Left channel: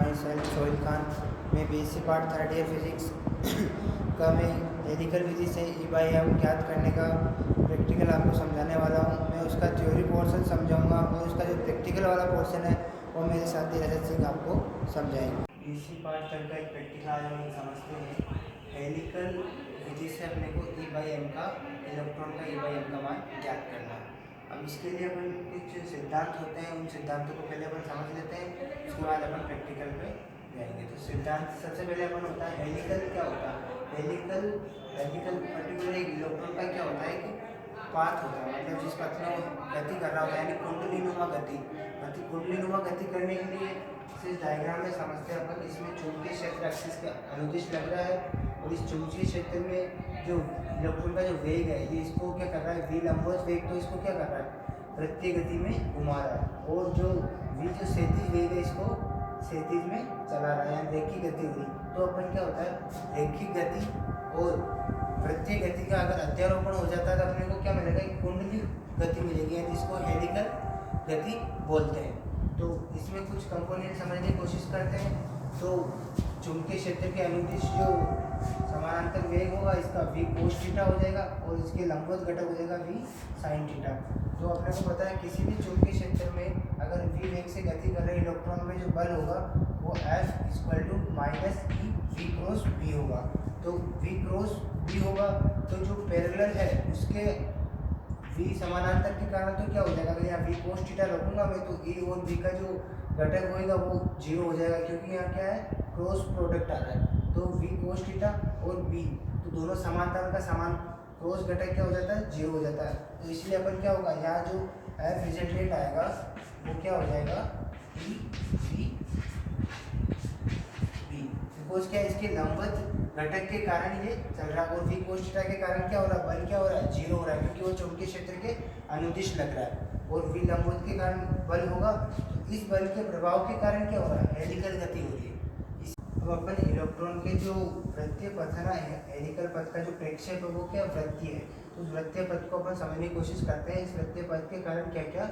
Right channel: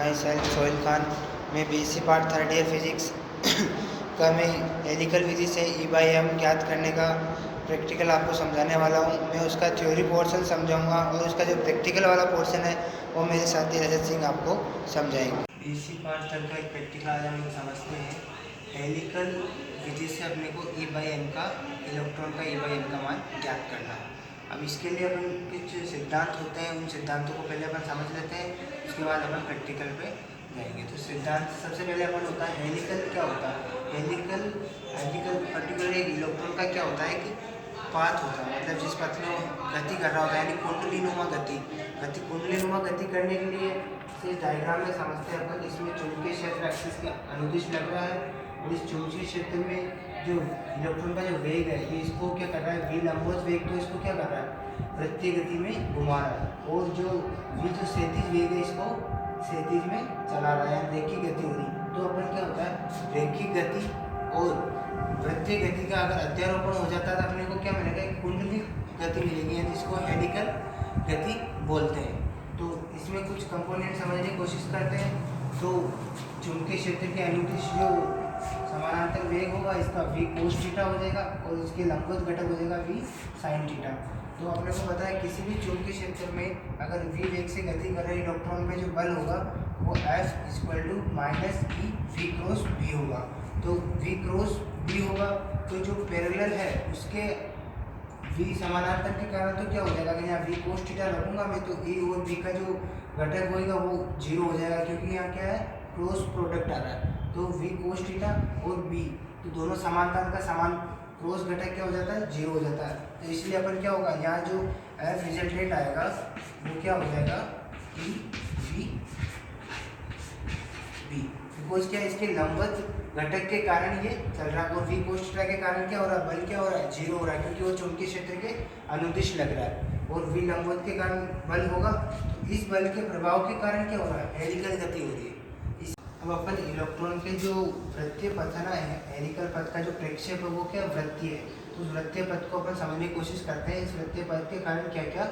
My self Sohail Khan. मैं BSc part third year physics का मैं हेलिकल विधि से E/M ज्ञात करने का प्रैक्टिकल आपको समझाने वाला हूँ। मैं उसका थ्योरी पोर्शन समझाऊंगा और उसका जो प्रैक्टिकल वाला पोर्शन है वो मेरे साथी रजत सिंह आपको समझाएंगे। बीएससी पार्ट थर्ड का एक प्रैक्टिकल आज हम लोग समझते हैं। हेलिकल विधि से अपने को E/M का इलेक्ट्रॉन का E/M का मान ज्ञात करना है। अब इसके लिए अपन कुछ सिद्धांत होते हैं, उन सिद्धांतों को पहले अपन समझ लेते हैं, उसके बाद अपन प्रैक्टिकल पे जाएंगे। तो सिद्धांत सबसे पहले अपन होता है हेलिकल क्या होता है। हेलिकल पर्टिकुलर एक इलेक्ट्रॉन का क्या होता है कि पाथ होता है, मतलब जिस पथ में गति कर रहा होता है, यानी कुंडलीनुमा गति। कुंडलीनुमा गति करने के लिए इस डायग्राम में समझते हैं अपन। इसमें चुंबकीय क्षेत्र एक्सिस के अनुदिश लग रहा है और इस चुंबकीय क्षेत्र में जो इलेक्ट्रॉन का जो वेग है ये इसको क्या कर रहा है, v लंबवत वेग, तो इसको क्या कर रहा है, वृत्तीय गति में घुमा रहा है। और जो v जो क्षैतिज वेग है इसको क्षैतिज में चला रहा है, रेखीय गति हो रही। तो अपन क्या होता है, रेखीय गति और वृत्तीय गति का अगर अध्यारोपण हो जाता है तो अपने को क्या मिलेगा, एक कुंडली गति मिलेगी, यानी जिसको हेलिकल गति बोलते हैं। तो इसमें कुछ कंपोनेंट समझने की कोशिश करते हैं। तो चुंबकीय क्षेत्र के अनुदिश जो समानांतर वेग होगा इसका v cos थीटा हो जाएगा और इसके लंबवत घटक हो जाएगा v sin थीटा। तो अपने को पता है किसी भी चुंबकीय क्षेत्र में अगर v वेग से गति कर रहे इलेक्ट्रॉन में जो बल होगा वो F = -E v cross b होगा। तो v क्रॉस b होगा, तो जो पैरेलल है उसके v समानांतर के कारण तो क्या हो जाएगा, अगर यहाँ v cos थीटा रखूँगा मैं तो a और b का जो घटक होएगा वो 0 हो जाएगा, क्योंकि यहाँ क्या है, क्रॉस प्रोडक्ट आ रहा है। तो v cos थीटा और b तो दोनों समांतर का समान क्रॉस घटक क्या हो जाता है, 0 हो जाता है। तो इसलिए अपन क्या होगा, यहाँ जो F रिजल्टेंट आएगा वो क्या हो जाएगा, E v b, बिकॉज क्या इसके लंबवत घटक के कारण ये चल रहा है। और v cos थीटा के कारण क्या हो रहा है, बल क्या हो रहा है, 0 हो रहा है, क्योंकि वो चुंबकीय क्षेत्र के अनुदिश लग रहा है। और v लंबवत के कारण बल होगा, तो इस बल के प्रभाव के कारण क्या हो रहा है, हेलिकल गति हो रही है। अब अपन इलेक्ट्रॉन के जो वृत्तीय पथ है ना, हेलिकल पथ का जो प्रक्षेप है वो क्या वृत्तीय है। तो उस वृत्तीय पथ को अपन समझने की कोशिश करते हैं। इस वृत्तीय पथ के कारण क्या क्या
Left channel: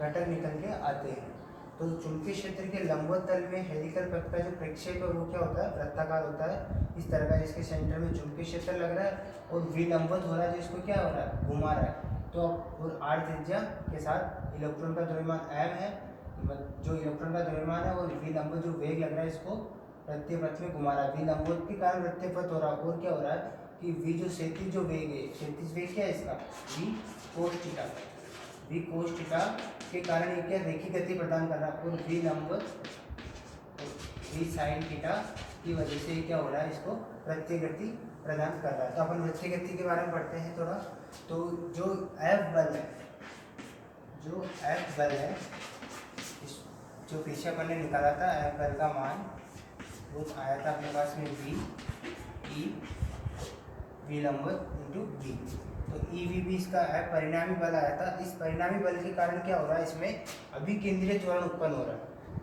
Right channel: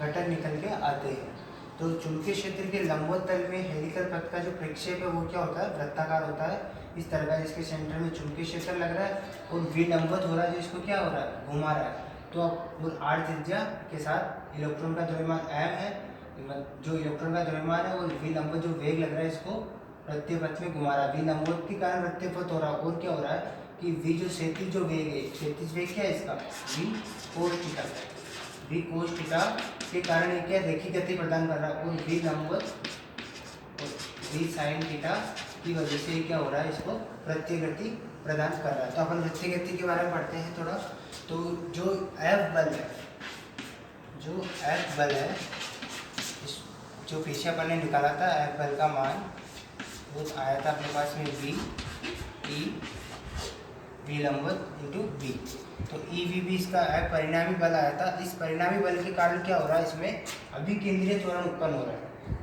घटक निकल के आते हैं। तो चुंबकीय क्षेत्र के लंबवत तल में हेलिकल पथ का जो प्रक्षेप है वो क्या होता है, वृत्ताकार होता है इस तरह का, जिसके सेंटर में चुंबकीय क्षेत्र लग रहा है और v लंबवत हो रहा है, जिसको क्या हो रहा है, घुमा रहा है। तो और r त्रिज्या के साथ इलेक्ट्रॉन का द्रव्यमान m है, जो इलेक्ट्रॉन का द्रव्यमान है, और v लंबवत जो वेग लग रहा है इसको वृत्तीय पथ में घुमा रहा है। v लंबवत के कारण वृत्तीय पथ हो रहा है। और क्या हो रहा है कि v जो क्षैतिज जो वेग है, क्षैतिज वेग क्या है इसका, v cos theta. v cos theta के कारण ये क्या रेखीय गति प्रदान कर रहा है, और v लंबवत और v sin थीटा की वजह से क्या हो रहा है, इसको वृत्तीय गति प्रदान कर रहा है। तो अपन वृत्तीय गति के बारे में पढ़ते हैं थोड़ा। तो जो F बल है, जो पीछे अपन ने निकाला था F बल का मान वो आया था अपने पास में v लंबवत इंटू b। तो EVB इसका परिणामी बल आया था। इस परिणामी बल के कारण क्या हो रहा है, इसमें अभिकेंद्रीय त्वरण उत्पन्न हो रहा है।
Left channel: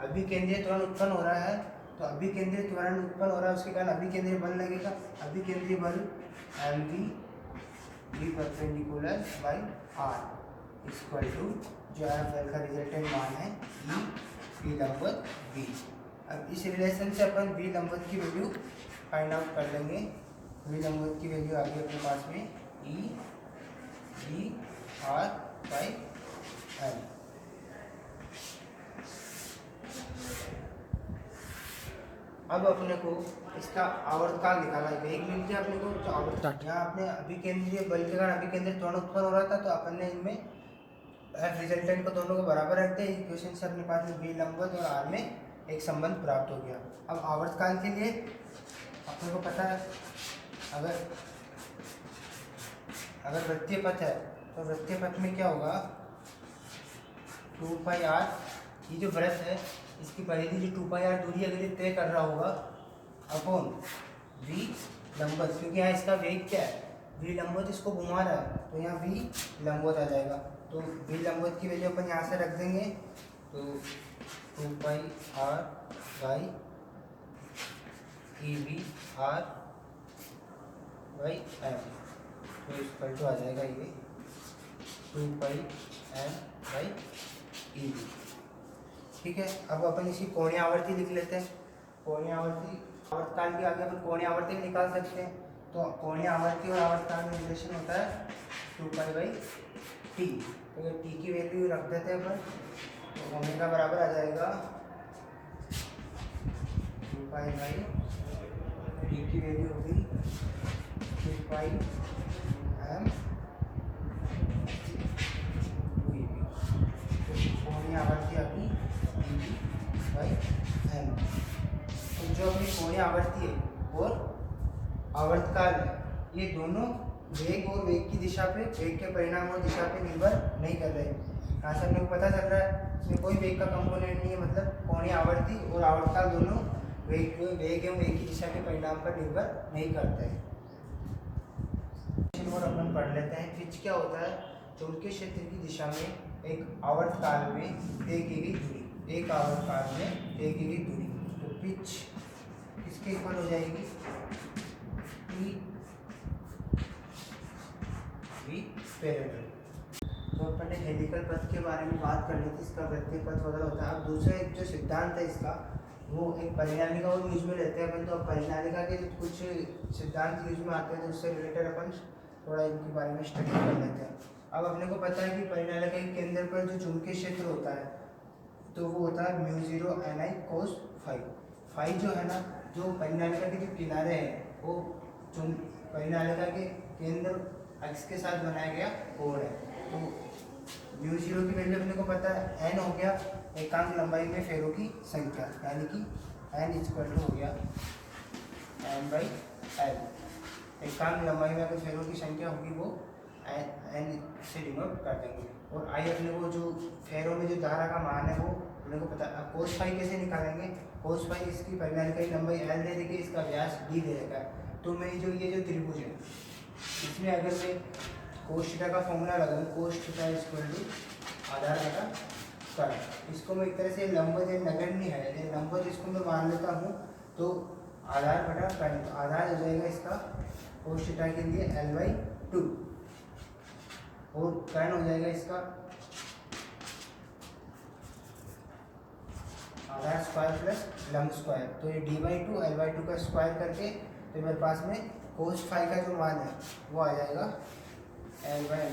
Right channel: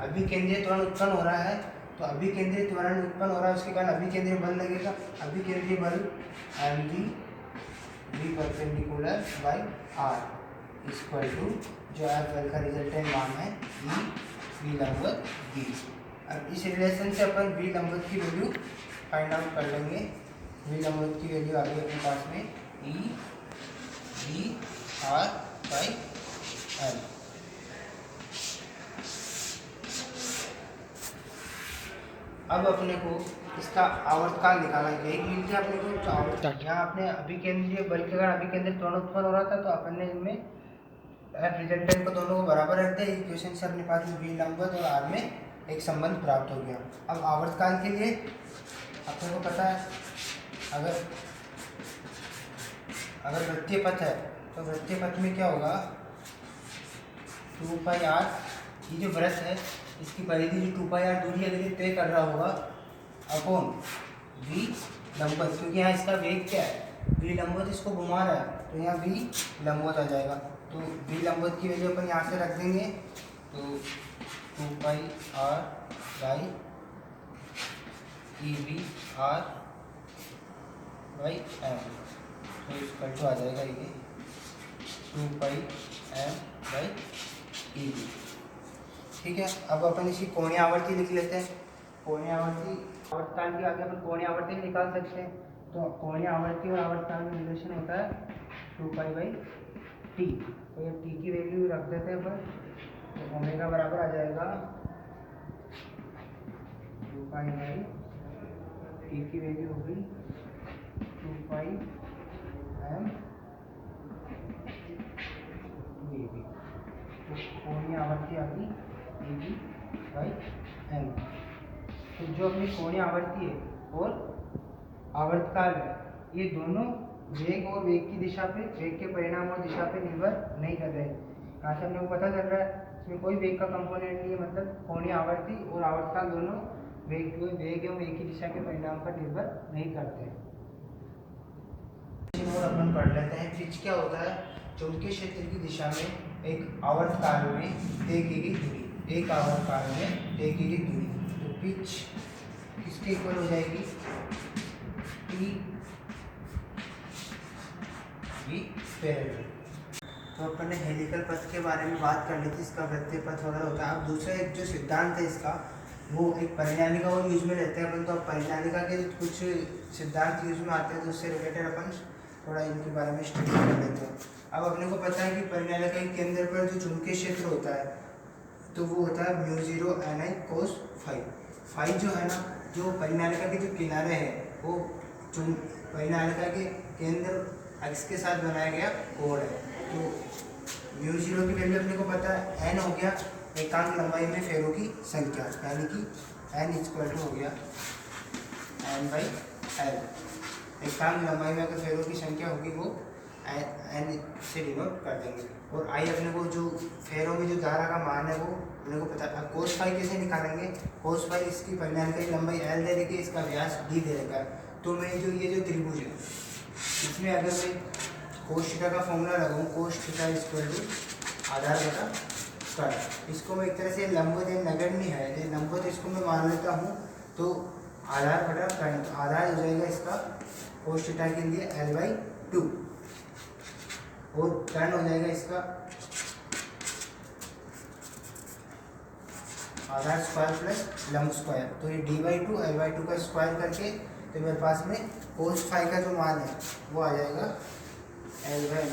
अभिकेंद्रीय त्वरण उत्पन्न हो रहा है, तो अभिकेंद्रीय त्वरण उत्पन्न हो रहा है, उसके कारण अभिकेंद्रीय बल लगेगा। अभिकेंद्रीय बल mv v perpendicular by r equal to जो F बल का रिजल्टेंट मान है E v लंबवत b। अब इस रिलेशन से अपन v लंबवत की वैल्यू फाइंड आउट कर लेंगे। v लंबवत की वैल्यू आ गई अपने पास में E v r by l। अब अपने को इसका आवर्तकाल निकाला, वेग मिल गया अपने को। तो आवर्त यहाँ अपने अभिकेंद्रीय बल के कारण अभिकेंद्रीय त्वरण उत्पन्न हो रहा था, तो अपन ने इनमें F रिजल्टेंट को दोनों को बराबर रखते हैं। इक्वेशन से अपने पास में v लंबवत और r में एक संबंध प्राप्त हो गया। अब आवर्तकाल के लिए अपने को पता है, अगर वृत्तीय पथ है तो वृत्तीय पथ में क्या होगा, 2πr, ये जो वृत्त है इसकी परिधि जो 2πr दूरी अगर ये तय कर रहा होगा अपॉन v लंबवत, क्योंकि यहाँ इसका वेग क्या है, v लंबवत इसको घुमा रहा है, तो यहाँ v लंबवत आ जाएगा। तो v लंबवत की वैल्यू अपन यहाँ से रख देंगे, तो 2πr by EVr by m, तो इक्वल टू आ जाएगा ये 2πm बाई EV। ठीक है। अब अपन इसकी कोणीय आवर्ती लिख लेते हैं। कोणीय आवर्ती आवर्तकाल के आगे अपन कोणीय आवर्ती निकाल सकते हैं। तो कोणीय आवर्ती और आवर्तकाल में रिलेशन होता है 2π/t। तो ये t की वैल्यू रख देते हैं अपन, तो ओमेगा बराबर आ जाएगा 2π/t की वैल्यू होगी 2πm तो कोणीय आवर्ती आ गई dv/m। तो जो अपनी कोणीय आवर्ती है और आवर्तकाल है, ये दोनों वेग और वेग की दिशा पे, वेग के परिणाम और दिशा पे निर्भर नहीं कर रहे। यहाँ से हम लोग पता चल रहा है इसमें कोई वेग का कंपोनेंट नहीं है, मतलब कोणीय आवर्ती और आवर्तकाल दोनों वेग एवं वेग की दिशा के परिणाम पर निर्भर नहीं करते हैं। और अपन पढ़ लेते हैं पिच क्या होता है। चुंबकीय क्षेत्र की दिशा में एक आवर्तकाल में तय की गई दूरी, एक आवर्तकाल में तय की गई दूरी, तो पिच किसके इक्वल हो जाएगी टी वी पैरेलल। तो अपन ने हेलिकल पथ के बारे में बात कर ली थी, इसका वृत्तीय पथ वगैरह होता है। अब दूसरा एक जो सिद्धांत है इसका, वो एक परिनालिका और यूज में लेते हैं अपन। तो अब परिनालिका के कुछ सिद्धांत यूज में आते हैं, तो उससे रिलेटेड अपन थोड़ा इनके बारे में स्टडी कर लेते हैं। अब अपने को पता है कि परिनालिका के केंद्र पर जो चुंबकीय क्षेत्र होता है, तो वो होता है μ0 ni cos फाई। फाई जो है ना, जो परिनालिका के जो किनारे हैं, वो परिनालिका के केंद्र एक्स के साथ बनाया गया कोण है। तो μ0 की वैल्यू अपने को पता है, n हो गया एकांक लंबाई में फेरों की संख्या, यानी कि n हो गया n/l। एकांक लंबाई में अगर फेरों की संख्या होगी वो n से डिनोट कर देंगे। और आई अपने को जो फेरों में जो धारा का मान है वो अपने को पता है। कोस फाई कैसे निकालेंगे, कोस फाई इसकी परिनालिका की लंबाई l दे देगी, इसका व्यास d दे देगा। तो मैं जो ये जो त्रिभुज है, इसमें अगर मैं कोस थीटा का फॉर्मूला लगाऊँ, कोस थीटा आधार बटा स्क्वायर, इसको मैं एक तरह से लंबवत या नगण्य है, लंबवत इसको मैं मान लेता हूँ, तो आधार बटा कर्ण, तो आधार हो जाएगा इसका कोस थीटा के लिए l/2 और कर्ण हो जाएगा इसका आधार स्क्वायर प्लस लंब स्क्वायर। तो ये d/2 l/2 का स्क्वायर करके, तो मेरे पास में कोस फाई का जो मान है वो आ जाएगा l/l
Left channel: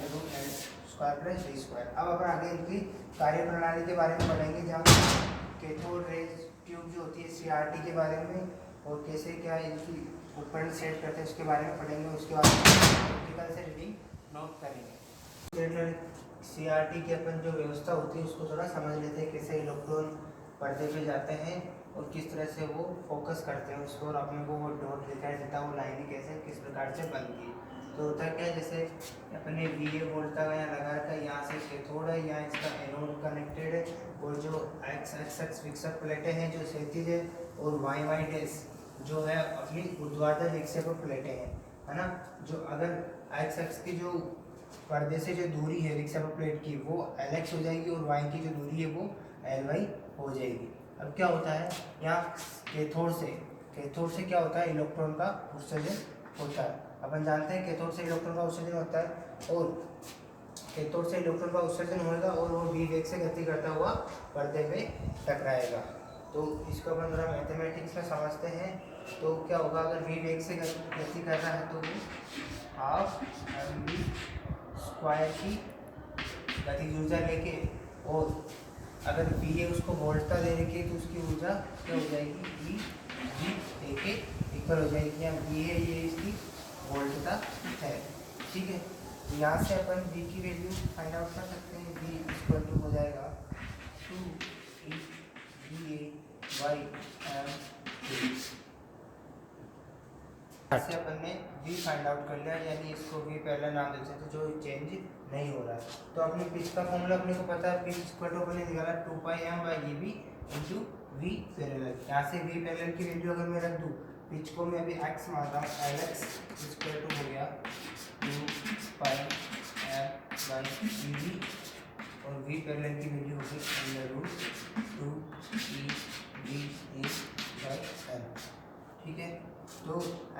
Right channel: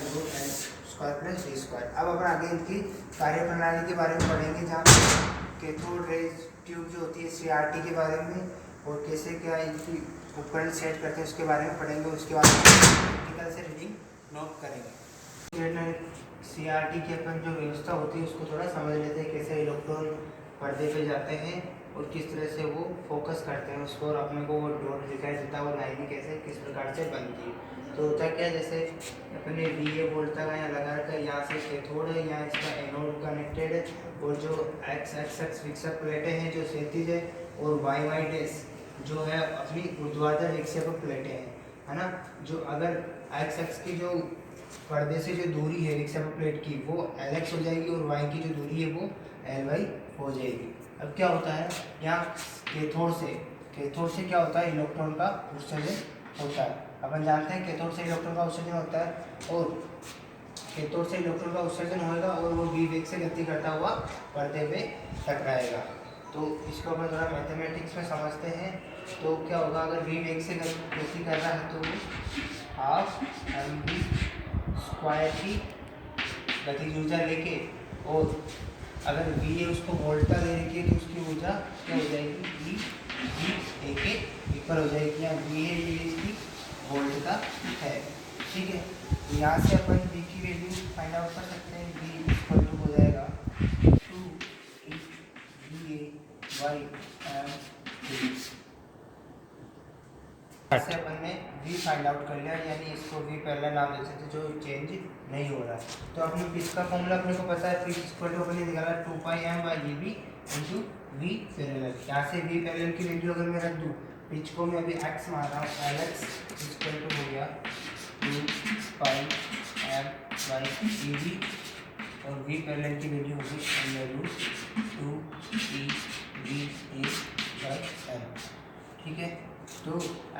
square plus d square. अब अपन आगे इनकी कार्यप्रणाली के बारे में पढ़ेंगे, जहाँ कैथोड रेज ट्यूब जो होती है CRT के बारे में, और कैसे क्या इनकी उपकरण सेट करते हैं उसके बारे में पढ़ेंगे। उसके बाद प्रैक्टिकल से रीडिंग नोट करेंगे। CRT की अपन जो व्यवस्था होती है उसको थोड़ा समझ लेते हैं, कैसे इलेक्ट्रॉन पर्दे पे जाते हैं और किस तरह से वो फोकस करते हैं उसको, और अपने को वो डॉट दिखाई देता है, वो लाइनें कैसे किस प्रकार से बनती है। तो होता क्या है, जैसे अपने VA बोलता है यहाँ लगा रखा है, यहाँ से कैथोड है, यहाँ इसका एनोड कनेक्टेड है, और जो x विक्षेपक प्लेटें हैं जो क्षैतिज है, और y डैश जो है अपनी ऊर्ध्वाधर विक्षेपक प्लेटें हैं, है ना। जो अगर x की जो पर्दे से जो दूरी है विक्षेपक प्लेट की वो Lx हो जाएगी, और y की जो दूरी है वो Ly हो जाएगी। अब क्या होता है, यहाँ कैथोड से क्या होता है, इलेक्ट्रॉन का उत्सर्जन होता है। अपन जानते हैं कैथोड से इलेक्ट्रॉन का उत्सर्जन होता है, और कैथोड से इलेक्ट्रॉन का उत्सर्जन होगा और वो v वेग से गति करता हुआ पर्दे पे टकराएगा। तो इसको अपन थोड़ा मैथमेटिक्स में समझते हैं। तो क्या होगा, अगर v वेग से गति कर रहा है तो हाफ mv स्क्वायर की गतिज ऊर्जा लेके, और अगर v है उसको वोल्टता दे रखी है तो उसकी ऊर्जा क्या हो जाएगी, v के इक्वल हो जाएगी। यहाँ v है, ये इसकी वोल्टता है, ठीक है। यहाँ से अपन v की वैल्यू फाइंड आउट कर सकते हैं। v इक्वल टू हो जाएगा 2 से अपन ने v फाइंड आउट कर लिया, यानी इसको v पहला नाम दे सकते जो चेंज नहीं हो रहा। तो अपने पिच का फॉर्मूला अपने को पता है, पिच इक्वल टू अपने निकाला 2πm/gb इंटू v पैरेलल। यहाँ से v पैरेलल की वैल्यू अगर मैं रख दूँ, पिच को मैं अभी x मान रहा हूँ, Lx इक्वल टू हो गया 2πm/gb, और v पैरेलल की वैल्यू होगी √2pVA/m, ठीक है। तो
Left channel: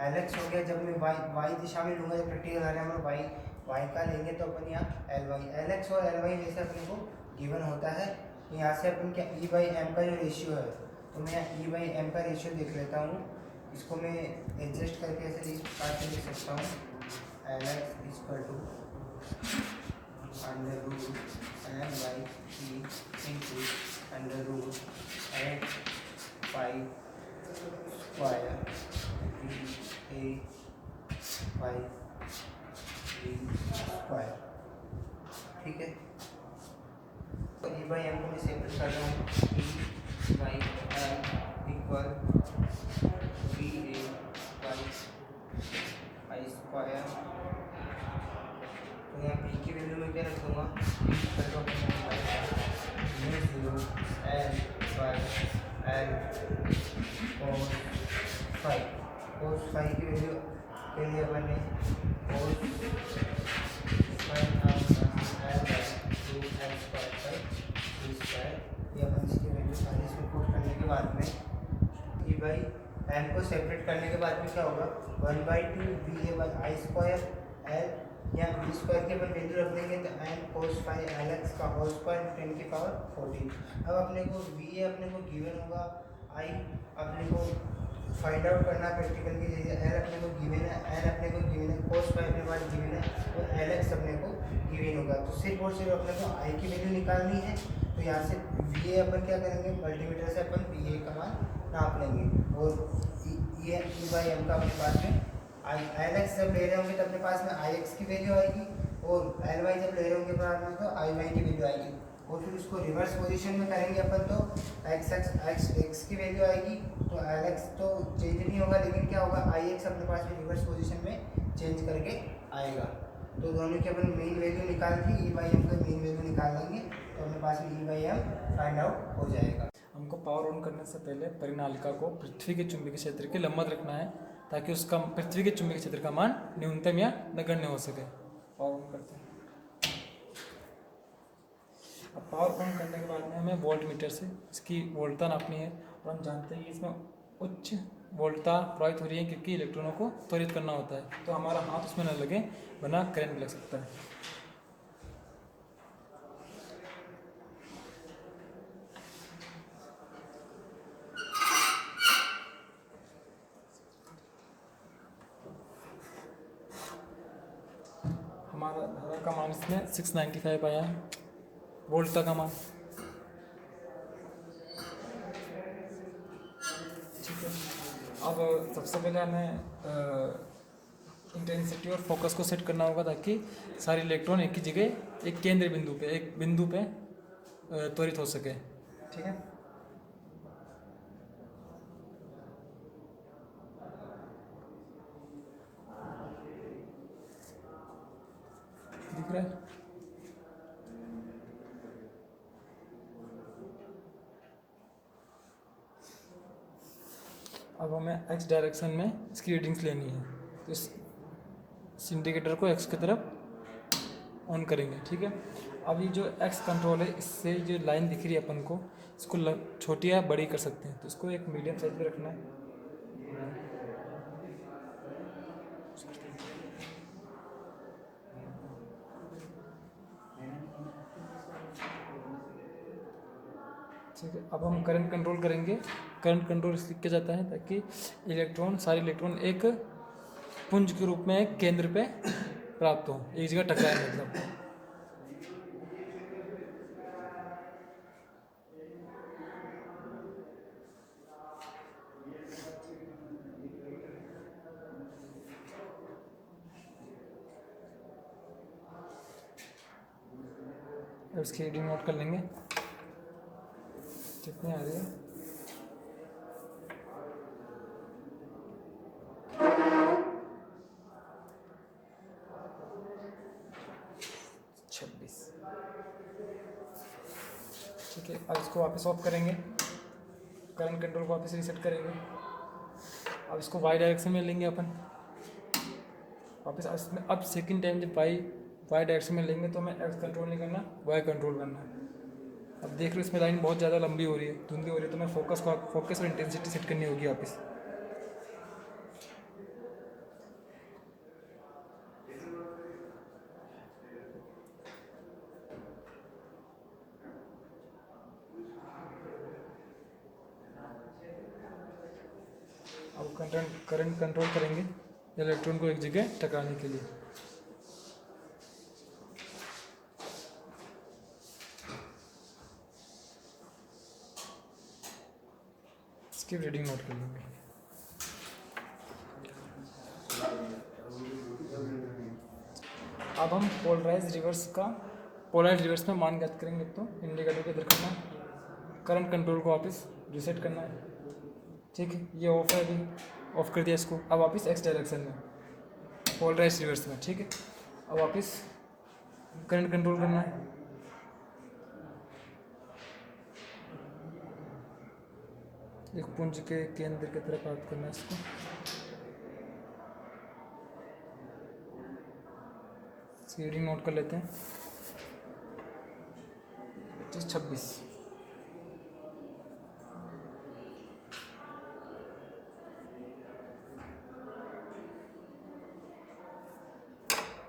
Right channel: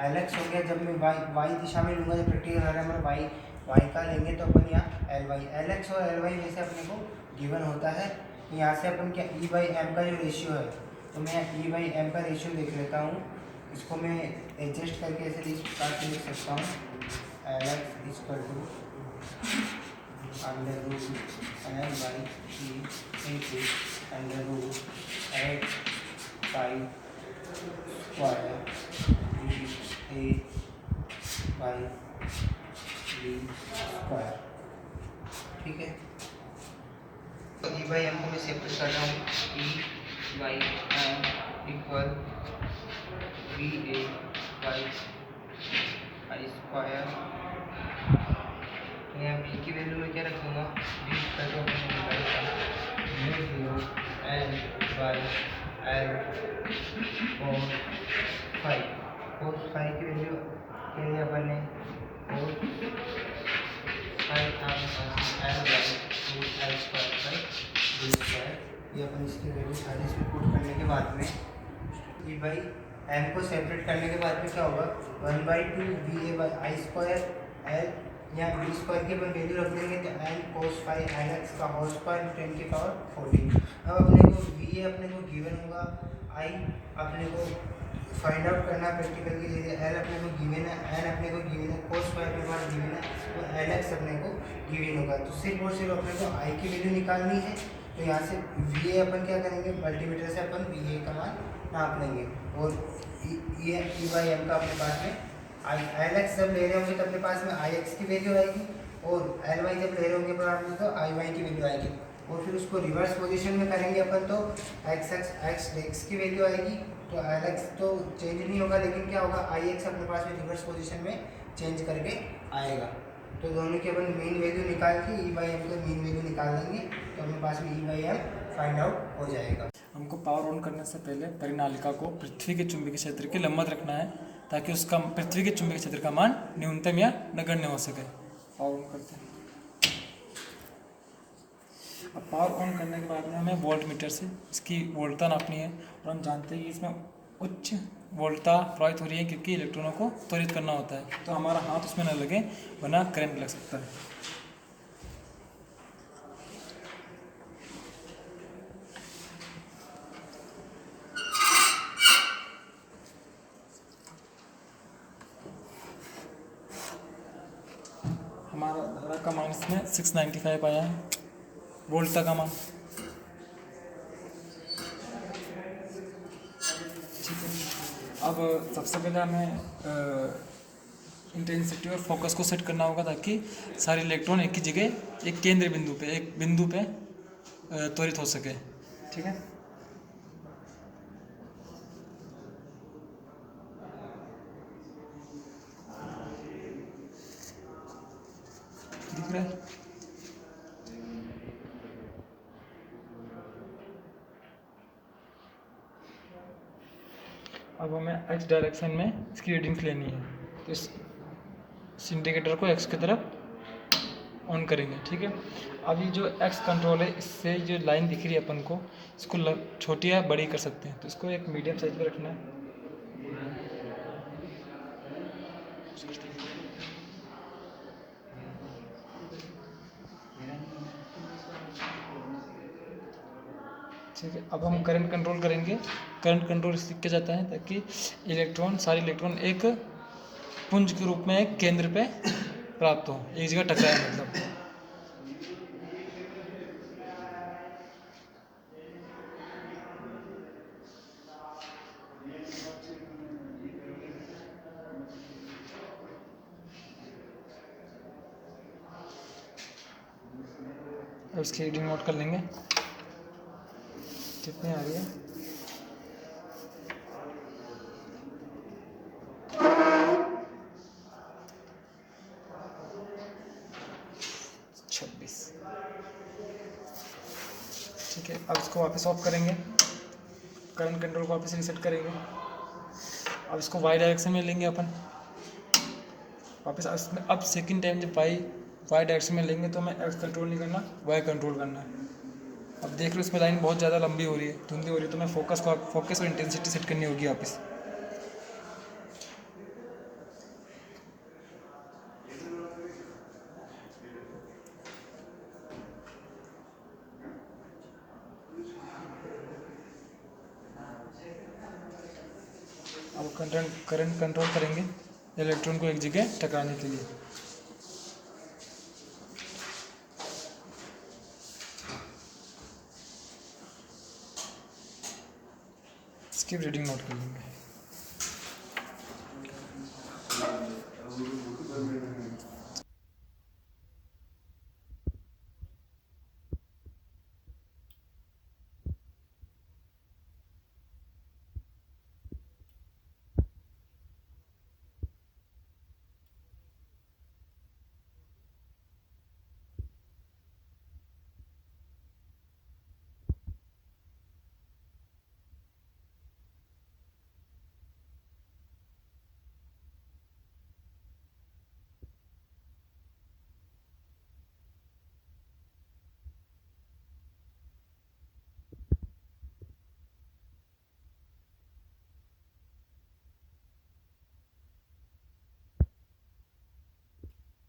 Lx हो गया, जब मैं y दिशा में लूँगा, जब प्रैक्टिकल आ रहा है y का लेंगे तो अपन यहाँ Ly, Lx और Ly में से अपने को गिवन होता है। यहाँ से अपन क्या E/m का जो रेशियो है तो मैं ई बाई एम का रेशियो देख लेता हूँ। इसको मैं एडजस्ट करके ऐसे लिख सकता हूँ, L X equal to under root M by E into under root 8 pi square D A by D square. ठीक है, ई बाई एम को मैं सेपरेट कर रहा हूँ, E by M equal B A by I square. तो यहाँ B की वैल्यू में क्या रख दूँगा, B equal to mu zero L by L cos five. Cos five की वैल्यू के लिए अपन ने cos five L by two L square by D square. ये अपन इसकी वैल्यू सारी इसमें पुट करने के बाद में ई बाई एम को सेपरेट करने के बाद में क्या होगा, 1/2 B A by I square L, यहाँ बी स्क्वायर की अपन वैल्यू रख देंगे तो N cos five L X का होल स्क्वायर 10 की पावर 14। अब अपने को बी ए अपने को गिवन होगा, आई अपने को फाइंड आउट करना है प्रैक्टिकल की चीज़ें, एल अपने को गिवन है, एन अपने को गिवन है, कोस फाइव के बाद गिवन है, तो एल एक्स अपने को गिवन होगा। तो सिर्फ और सिर्फ अपने को आई की वैल्यू निकालनी है। तो यहाँ से वी ए अपन क्या करेंगे, मल्टीमीटर से अपन वी ए का मान नाप लेंगे, और ई बाई एम का अपने पास में आई एल एक्स जब ले रहे होंगे तो अपने पास में आई एक्स की वैल्यू आएगी, और एल वाई जब ले रहे होंगे अपने तो आई वाई की वैल्यू आएगी। और फिर उसको रिवर्स पोजीशन में करेंगे अपन तो एक्स की वैल्यू आएगी, तो एल एक्स तो चेंज नहीं होगा, लेकिन क्या होगा, आई एक्स अपने पास में रिवर्स पोजीशन में चेंज करके आएगा। तो दोनों की अपन मीन वैल्यू निकाल के ई बाई एम का मीन वैल्यू निकाल लेंगे, तो अपने पास में E by M find out हो जाएगा। हमको पावर ऑन करने से पहले परिनालिका को पृथ्वी के चुंबकीय क्षेत्र के लंबवत रखना है, ताकि उसका पृथ्वी के चुंबकीय क्षेत्र का मान न्यूनतम या नगण्य हो सके। पावर ऑन करते हैं। अब पावर ऑन करने के बाद में हमें वोल्ट मीटर से इसकी वोल्टता नापनी है, और हम जानते हैं कि इसमें उच्च वोल्टता प्रवाहित हो रही है, क्योंकि इलेक्ट्रॉनों को त्वरित करना होता है, तो हमारा हाथ उसमें न लगे वरना करंट लग सकता है। हमारा धारा का मान इसमें 695 आया है, वोल्टता का मान। ठीक है, अब सबसे पहले हमें इंटेंसिटी और फोकस को सेट करना होगा, ताकि सारे इलेक्ट्रॉन एक ही जगह एक केंद्र बिंदु पे त्वरित हो सके। ठीक है, दिख रहा है। अब हमें एक्स डायरेक्शन में इसकी रीडिंग्स लेनी है, तो इस इंडिकेटर को एक्स की तरफ ऑन करेंगे। ठीक है, अभी जो एक्स कंट्रोल है, इससे जो लाइन दिख रही है अपन को, इसको छोटी या बड़ी कर सकते हैं, तो इसको एक मीडियम साइज पे रखना है। ठीक है, अब हम करंट कंट्रोल करेंगे। करंट कंट्रोल इसलिए किया जाता है ताकि सारे इलेक्ट्रॉन एक पुंज के रूप में एक केंद्र पे प्राप्त हो, एक जगह टकराए मतलब। अब इसकी रीडिंग नोट कर लेंगे कितनी आ रही है। ठीक है, अब इसको वापस ऑफ करेंगे, करंट कंट्रोल को वापस रीसेट करेंगे। अब इसको वाई डायरेक्शन में लेंगे अपन वापस। अब सेकंड टाइम जब वाई डायरेक्शन में लेंगे तो हमें एक्स कंट्रोल नहीं करना, वाई कंट्रोल करना है। अब देख लो इसमें लाइन बहुत ज़्यादा लंबी हो रही है, धुंधली हो रही है, तो मैं फोकस और इंटेंसिटी सेट करनी होगी वापस। अब करंट कंट्रोल करेंगे इलेक्ट्रॉन को एक जगह टकराने के लिए। इसकी रीडिंग नोट कर लेंगे। अब हम पोलराइज रिवर्स में मान ज्ञात करेंगे। तो इंडिकेटर को इधर करना है, करंट कंट्रोल को वापस रीसेट करना है। ठीक है, ये ऑफ है, अभी ऑफ कर दिया इसको। अब वापस एक्स डायरेक्शन में पोलराइज रिवर्स में। ठीक है, अब वापस करंट कंट्रोल करना है। एक पुंज के केंद्र की तरफ बात करना है इसको। रीडिंग नोट कर लेते हैं। 26।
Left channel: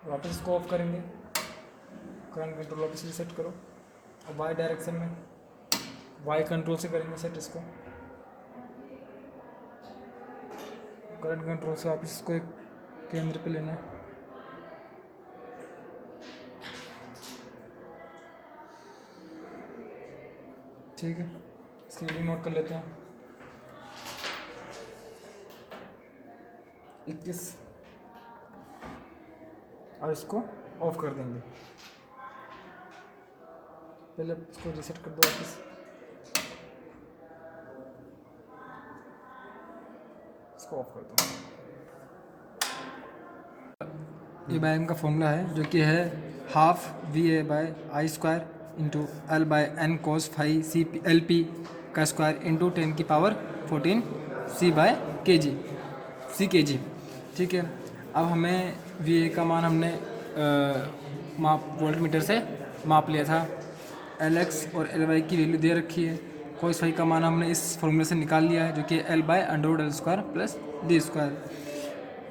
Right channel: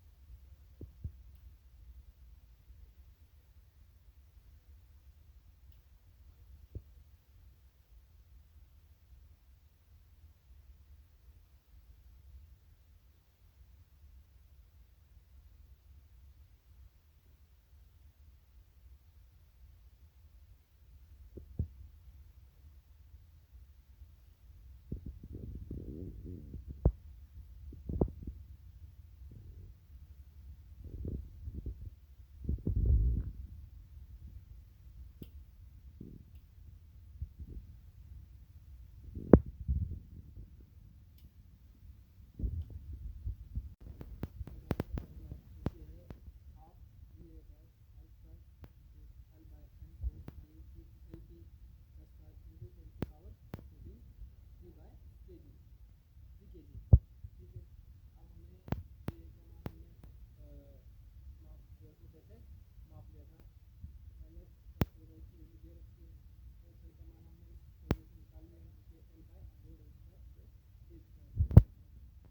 वापस इसको ऑफ करेंगे, करंट कंट्रोल वापस रीसेट करो। अब वाई डायरेक्शन में वाई कंट्रोल से करेंगे सेट इसको। करंट कंट्रोल से वापस इसको एक केंद्र पे लेना है। ठीक है, इसकी रीडिंग नोट कर लेते हैं। 21। अब इसको ऑफ कर देंगे। पहले इसको रीसेट कर दो वापस। इसको ऑफ कर दो। ये बाय का फॉर्मूला है जो कि है half VA/I² into L/N cos phi LP का स्क्वायर इंटू 10⁻14 C/kg। ठीक है, अब हमें VA का मान हमने वोल्ट मीटर से माप लिया था। LX और LY की वैल्यू दे रखी है। cos phi का मान हमने इस फॉर्मूले से निकाल लिया है जो कि L/√L² प्लस D²।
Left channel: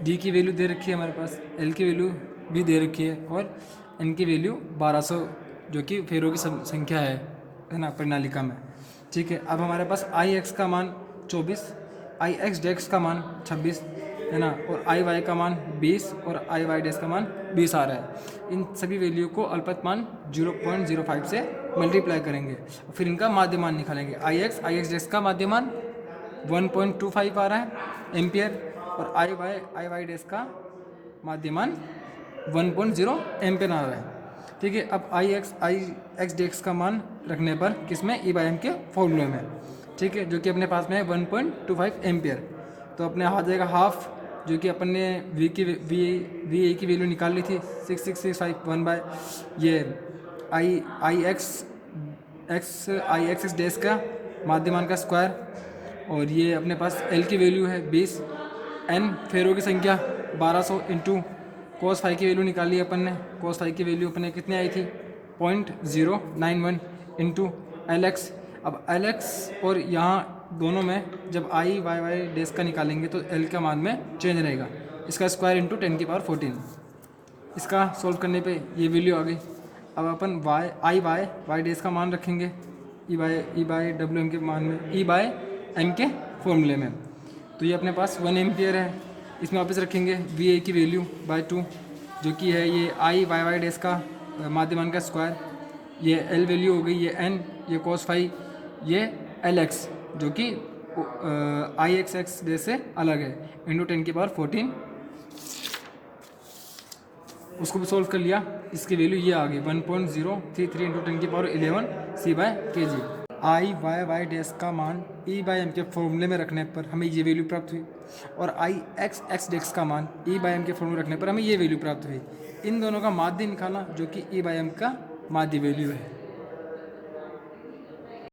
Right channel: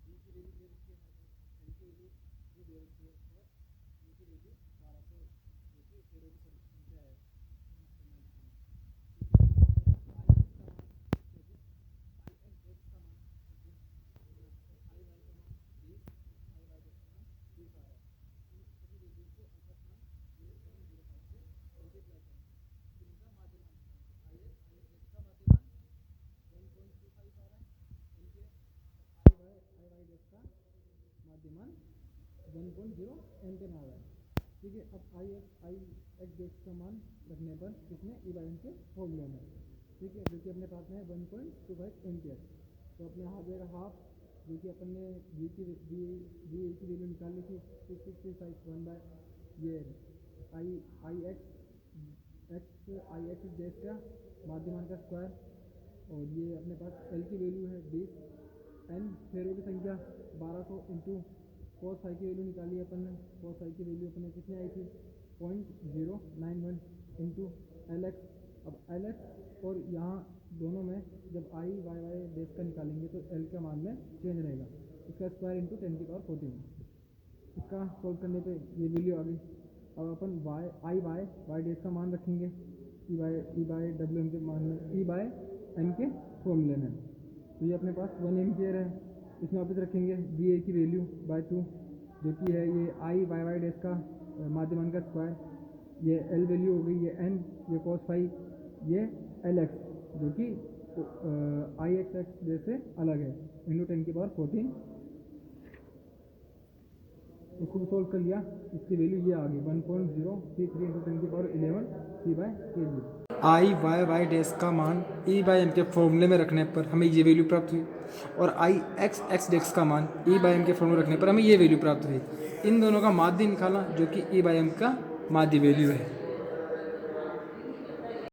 D की वैल्यू दे रखी है हमारे पास, L की वैल्यू भी दे रखी है और N की वैल्यू 1200 जो कि फेरों की संख्या है ना प्रणालिका में। ठीक है, अब हमारे पास IX का मान 24, IX का मान 26 है ना, और IY का मान 20 और IY का मान 20 आ रहा है। इन सभी वैल्यू को अल्पतमान 0.05 से मल्टीप्लाई करेंगे और फिर इनका माध्यमान निकालेंगे। IX का माध्यमान 1.25 आ रहा है एम्पियर और IY का माध्यमान 1.0 एम्पियर आ रहा है। ठीक है, अब IX का मान रखने पर किसमें E/m के फॉर्मूले में। ठीक है, जो कि अपने पास में है 1.25 एम्पियर। तो अपने आ जाएगा हाफ, जो कि अपन ने VA की वैल्यू निकाल ली थी 6665 बाय ये IX का माध्यमान का स्क्वायर और ये अपने पास L की वैल्यू है 20, N फेरों की संख्या 1200 इंटू cos phi की वैल्यू निकाली अपन ने। cos phi की वैल्यू अपने कितनी आई थी 0.091 इंटू LX। अब LX और यहाँ दोनों में जब IY का निकालेंगे तो L का मान में चेंज रहेगा, इसका स्क्वायर इंटू 10⁻14। इसका सोल्व करने पे ये वैल्यू आ गई। अब अपन IY का मान रखेंगे E/WM के मान में, E/m के फॉर्मूले में। तो ये अपने पास 1 एम्पियर है। इसमें वापस रखेंगे VA की वैल्यू बाय 2 जो कि है ये IY का माध्यमान का स्क्वायर, ये L वैल्यू हो गई, ये N, ये cos phi, ये LX जो कि IXX से अलग है इंटू 10⁻14। उसको भी सोल्व कर लिया, इसकी वैल्यू ये आ गई 1.033 इंटू 10⁻11 C/kg। IY का मान E/m के फॉर्मूले में रखने पर हमें ये वैल्यू प्राप्त हुई और IXX का मान E/m के फॉर्मूले रखने पर हमें ये वैल्यू प्राप्त हुई। इन दोनों का माध्य निकालना जो कि E/m का माध्य वैल्यू है।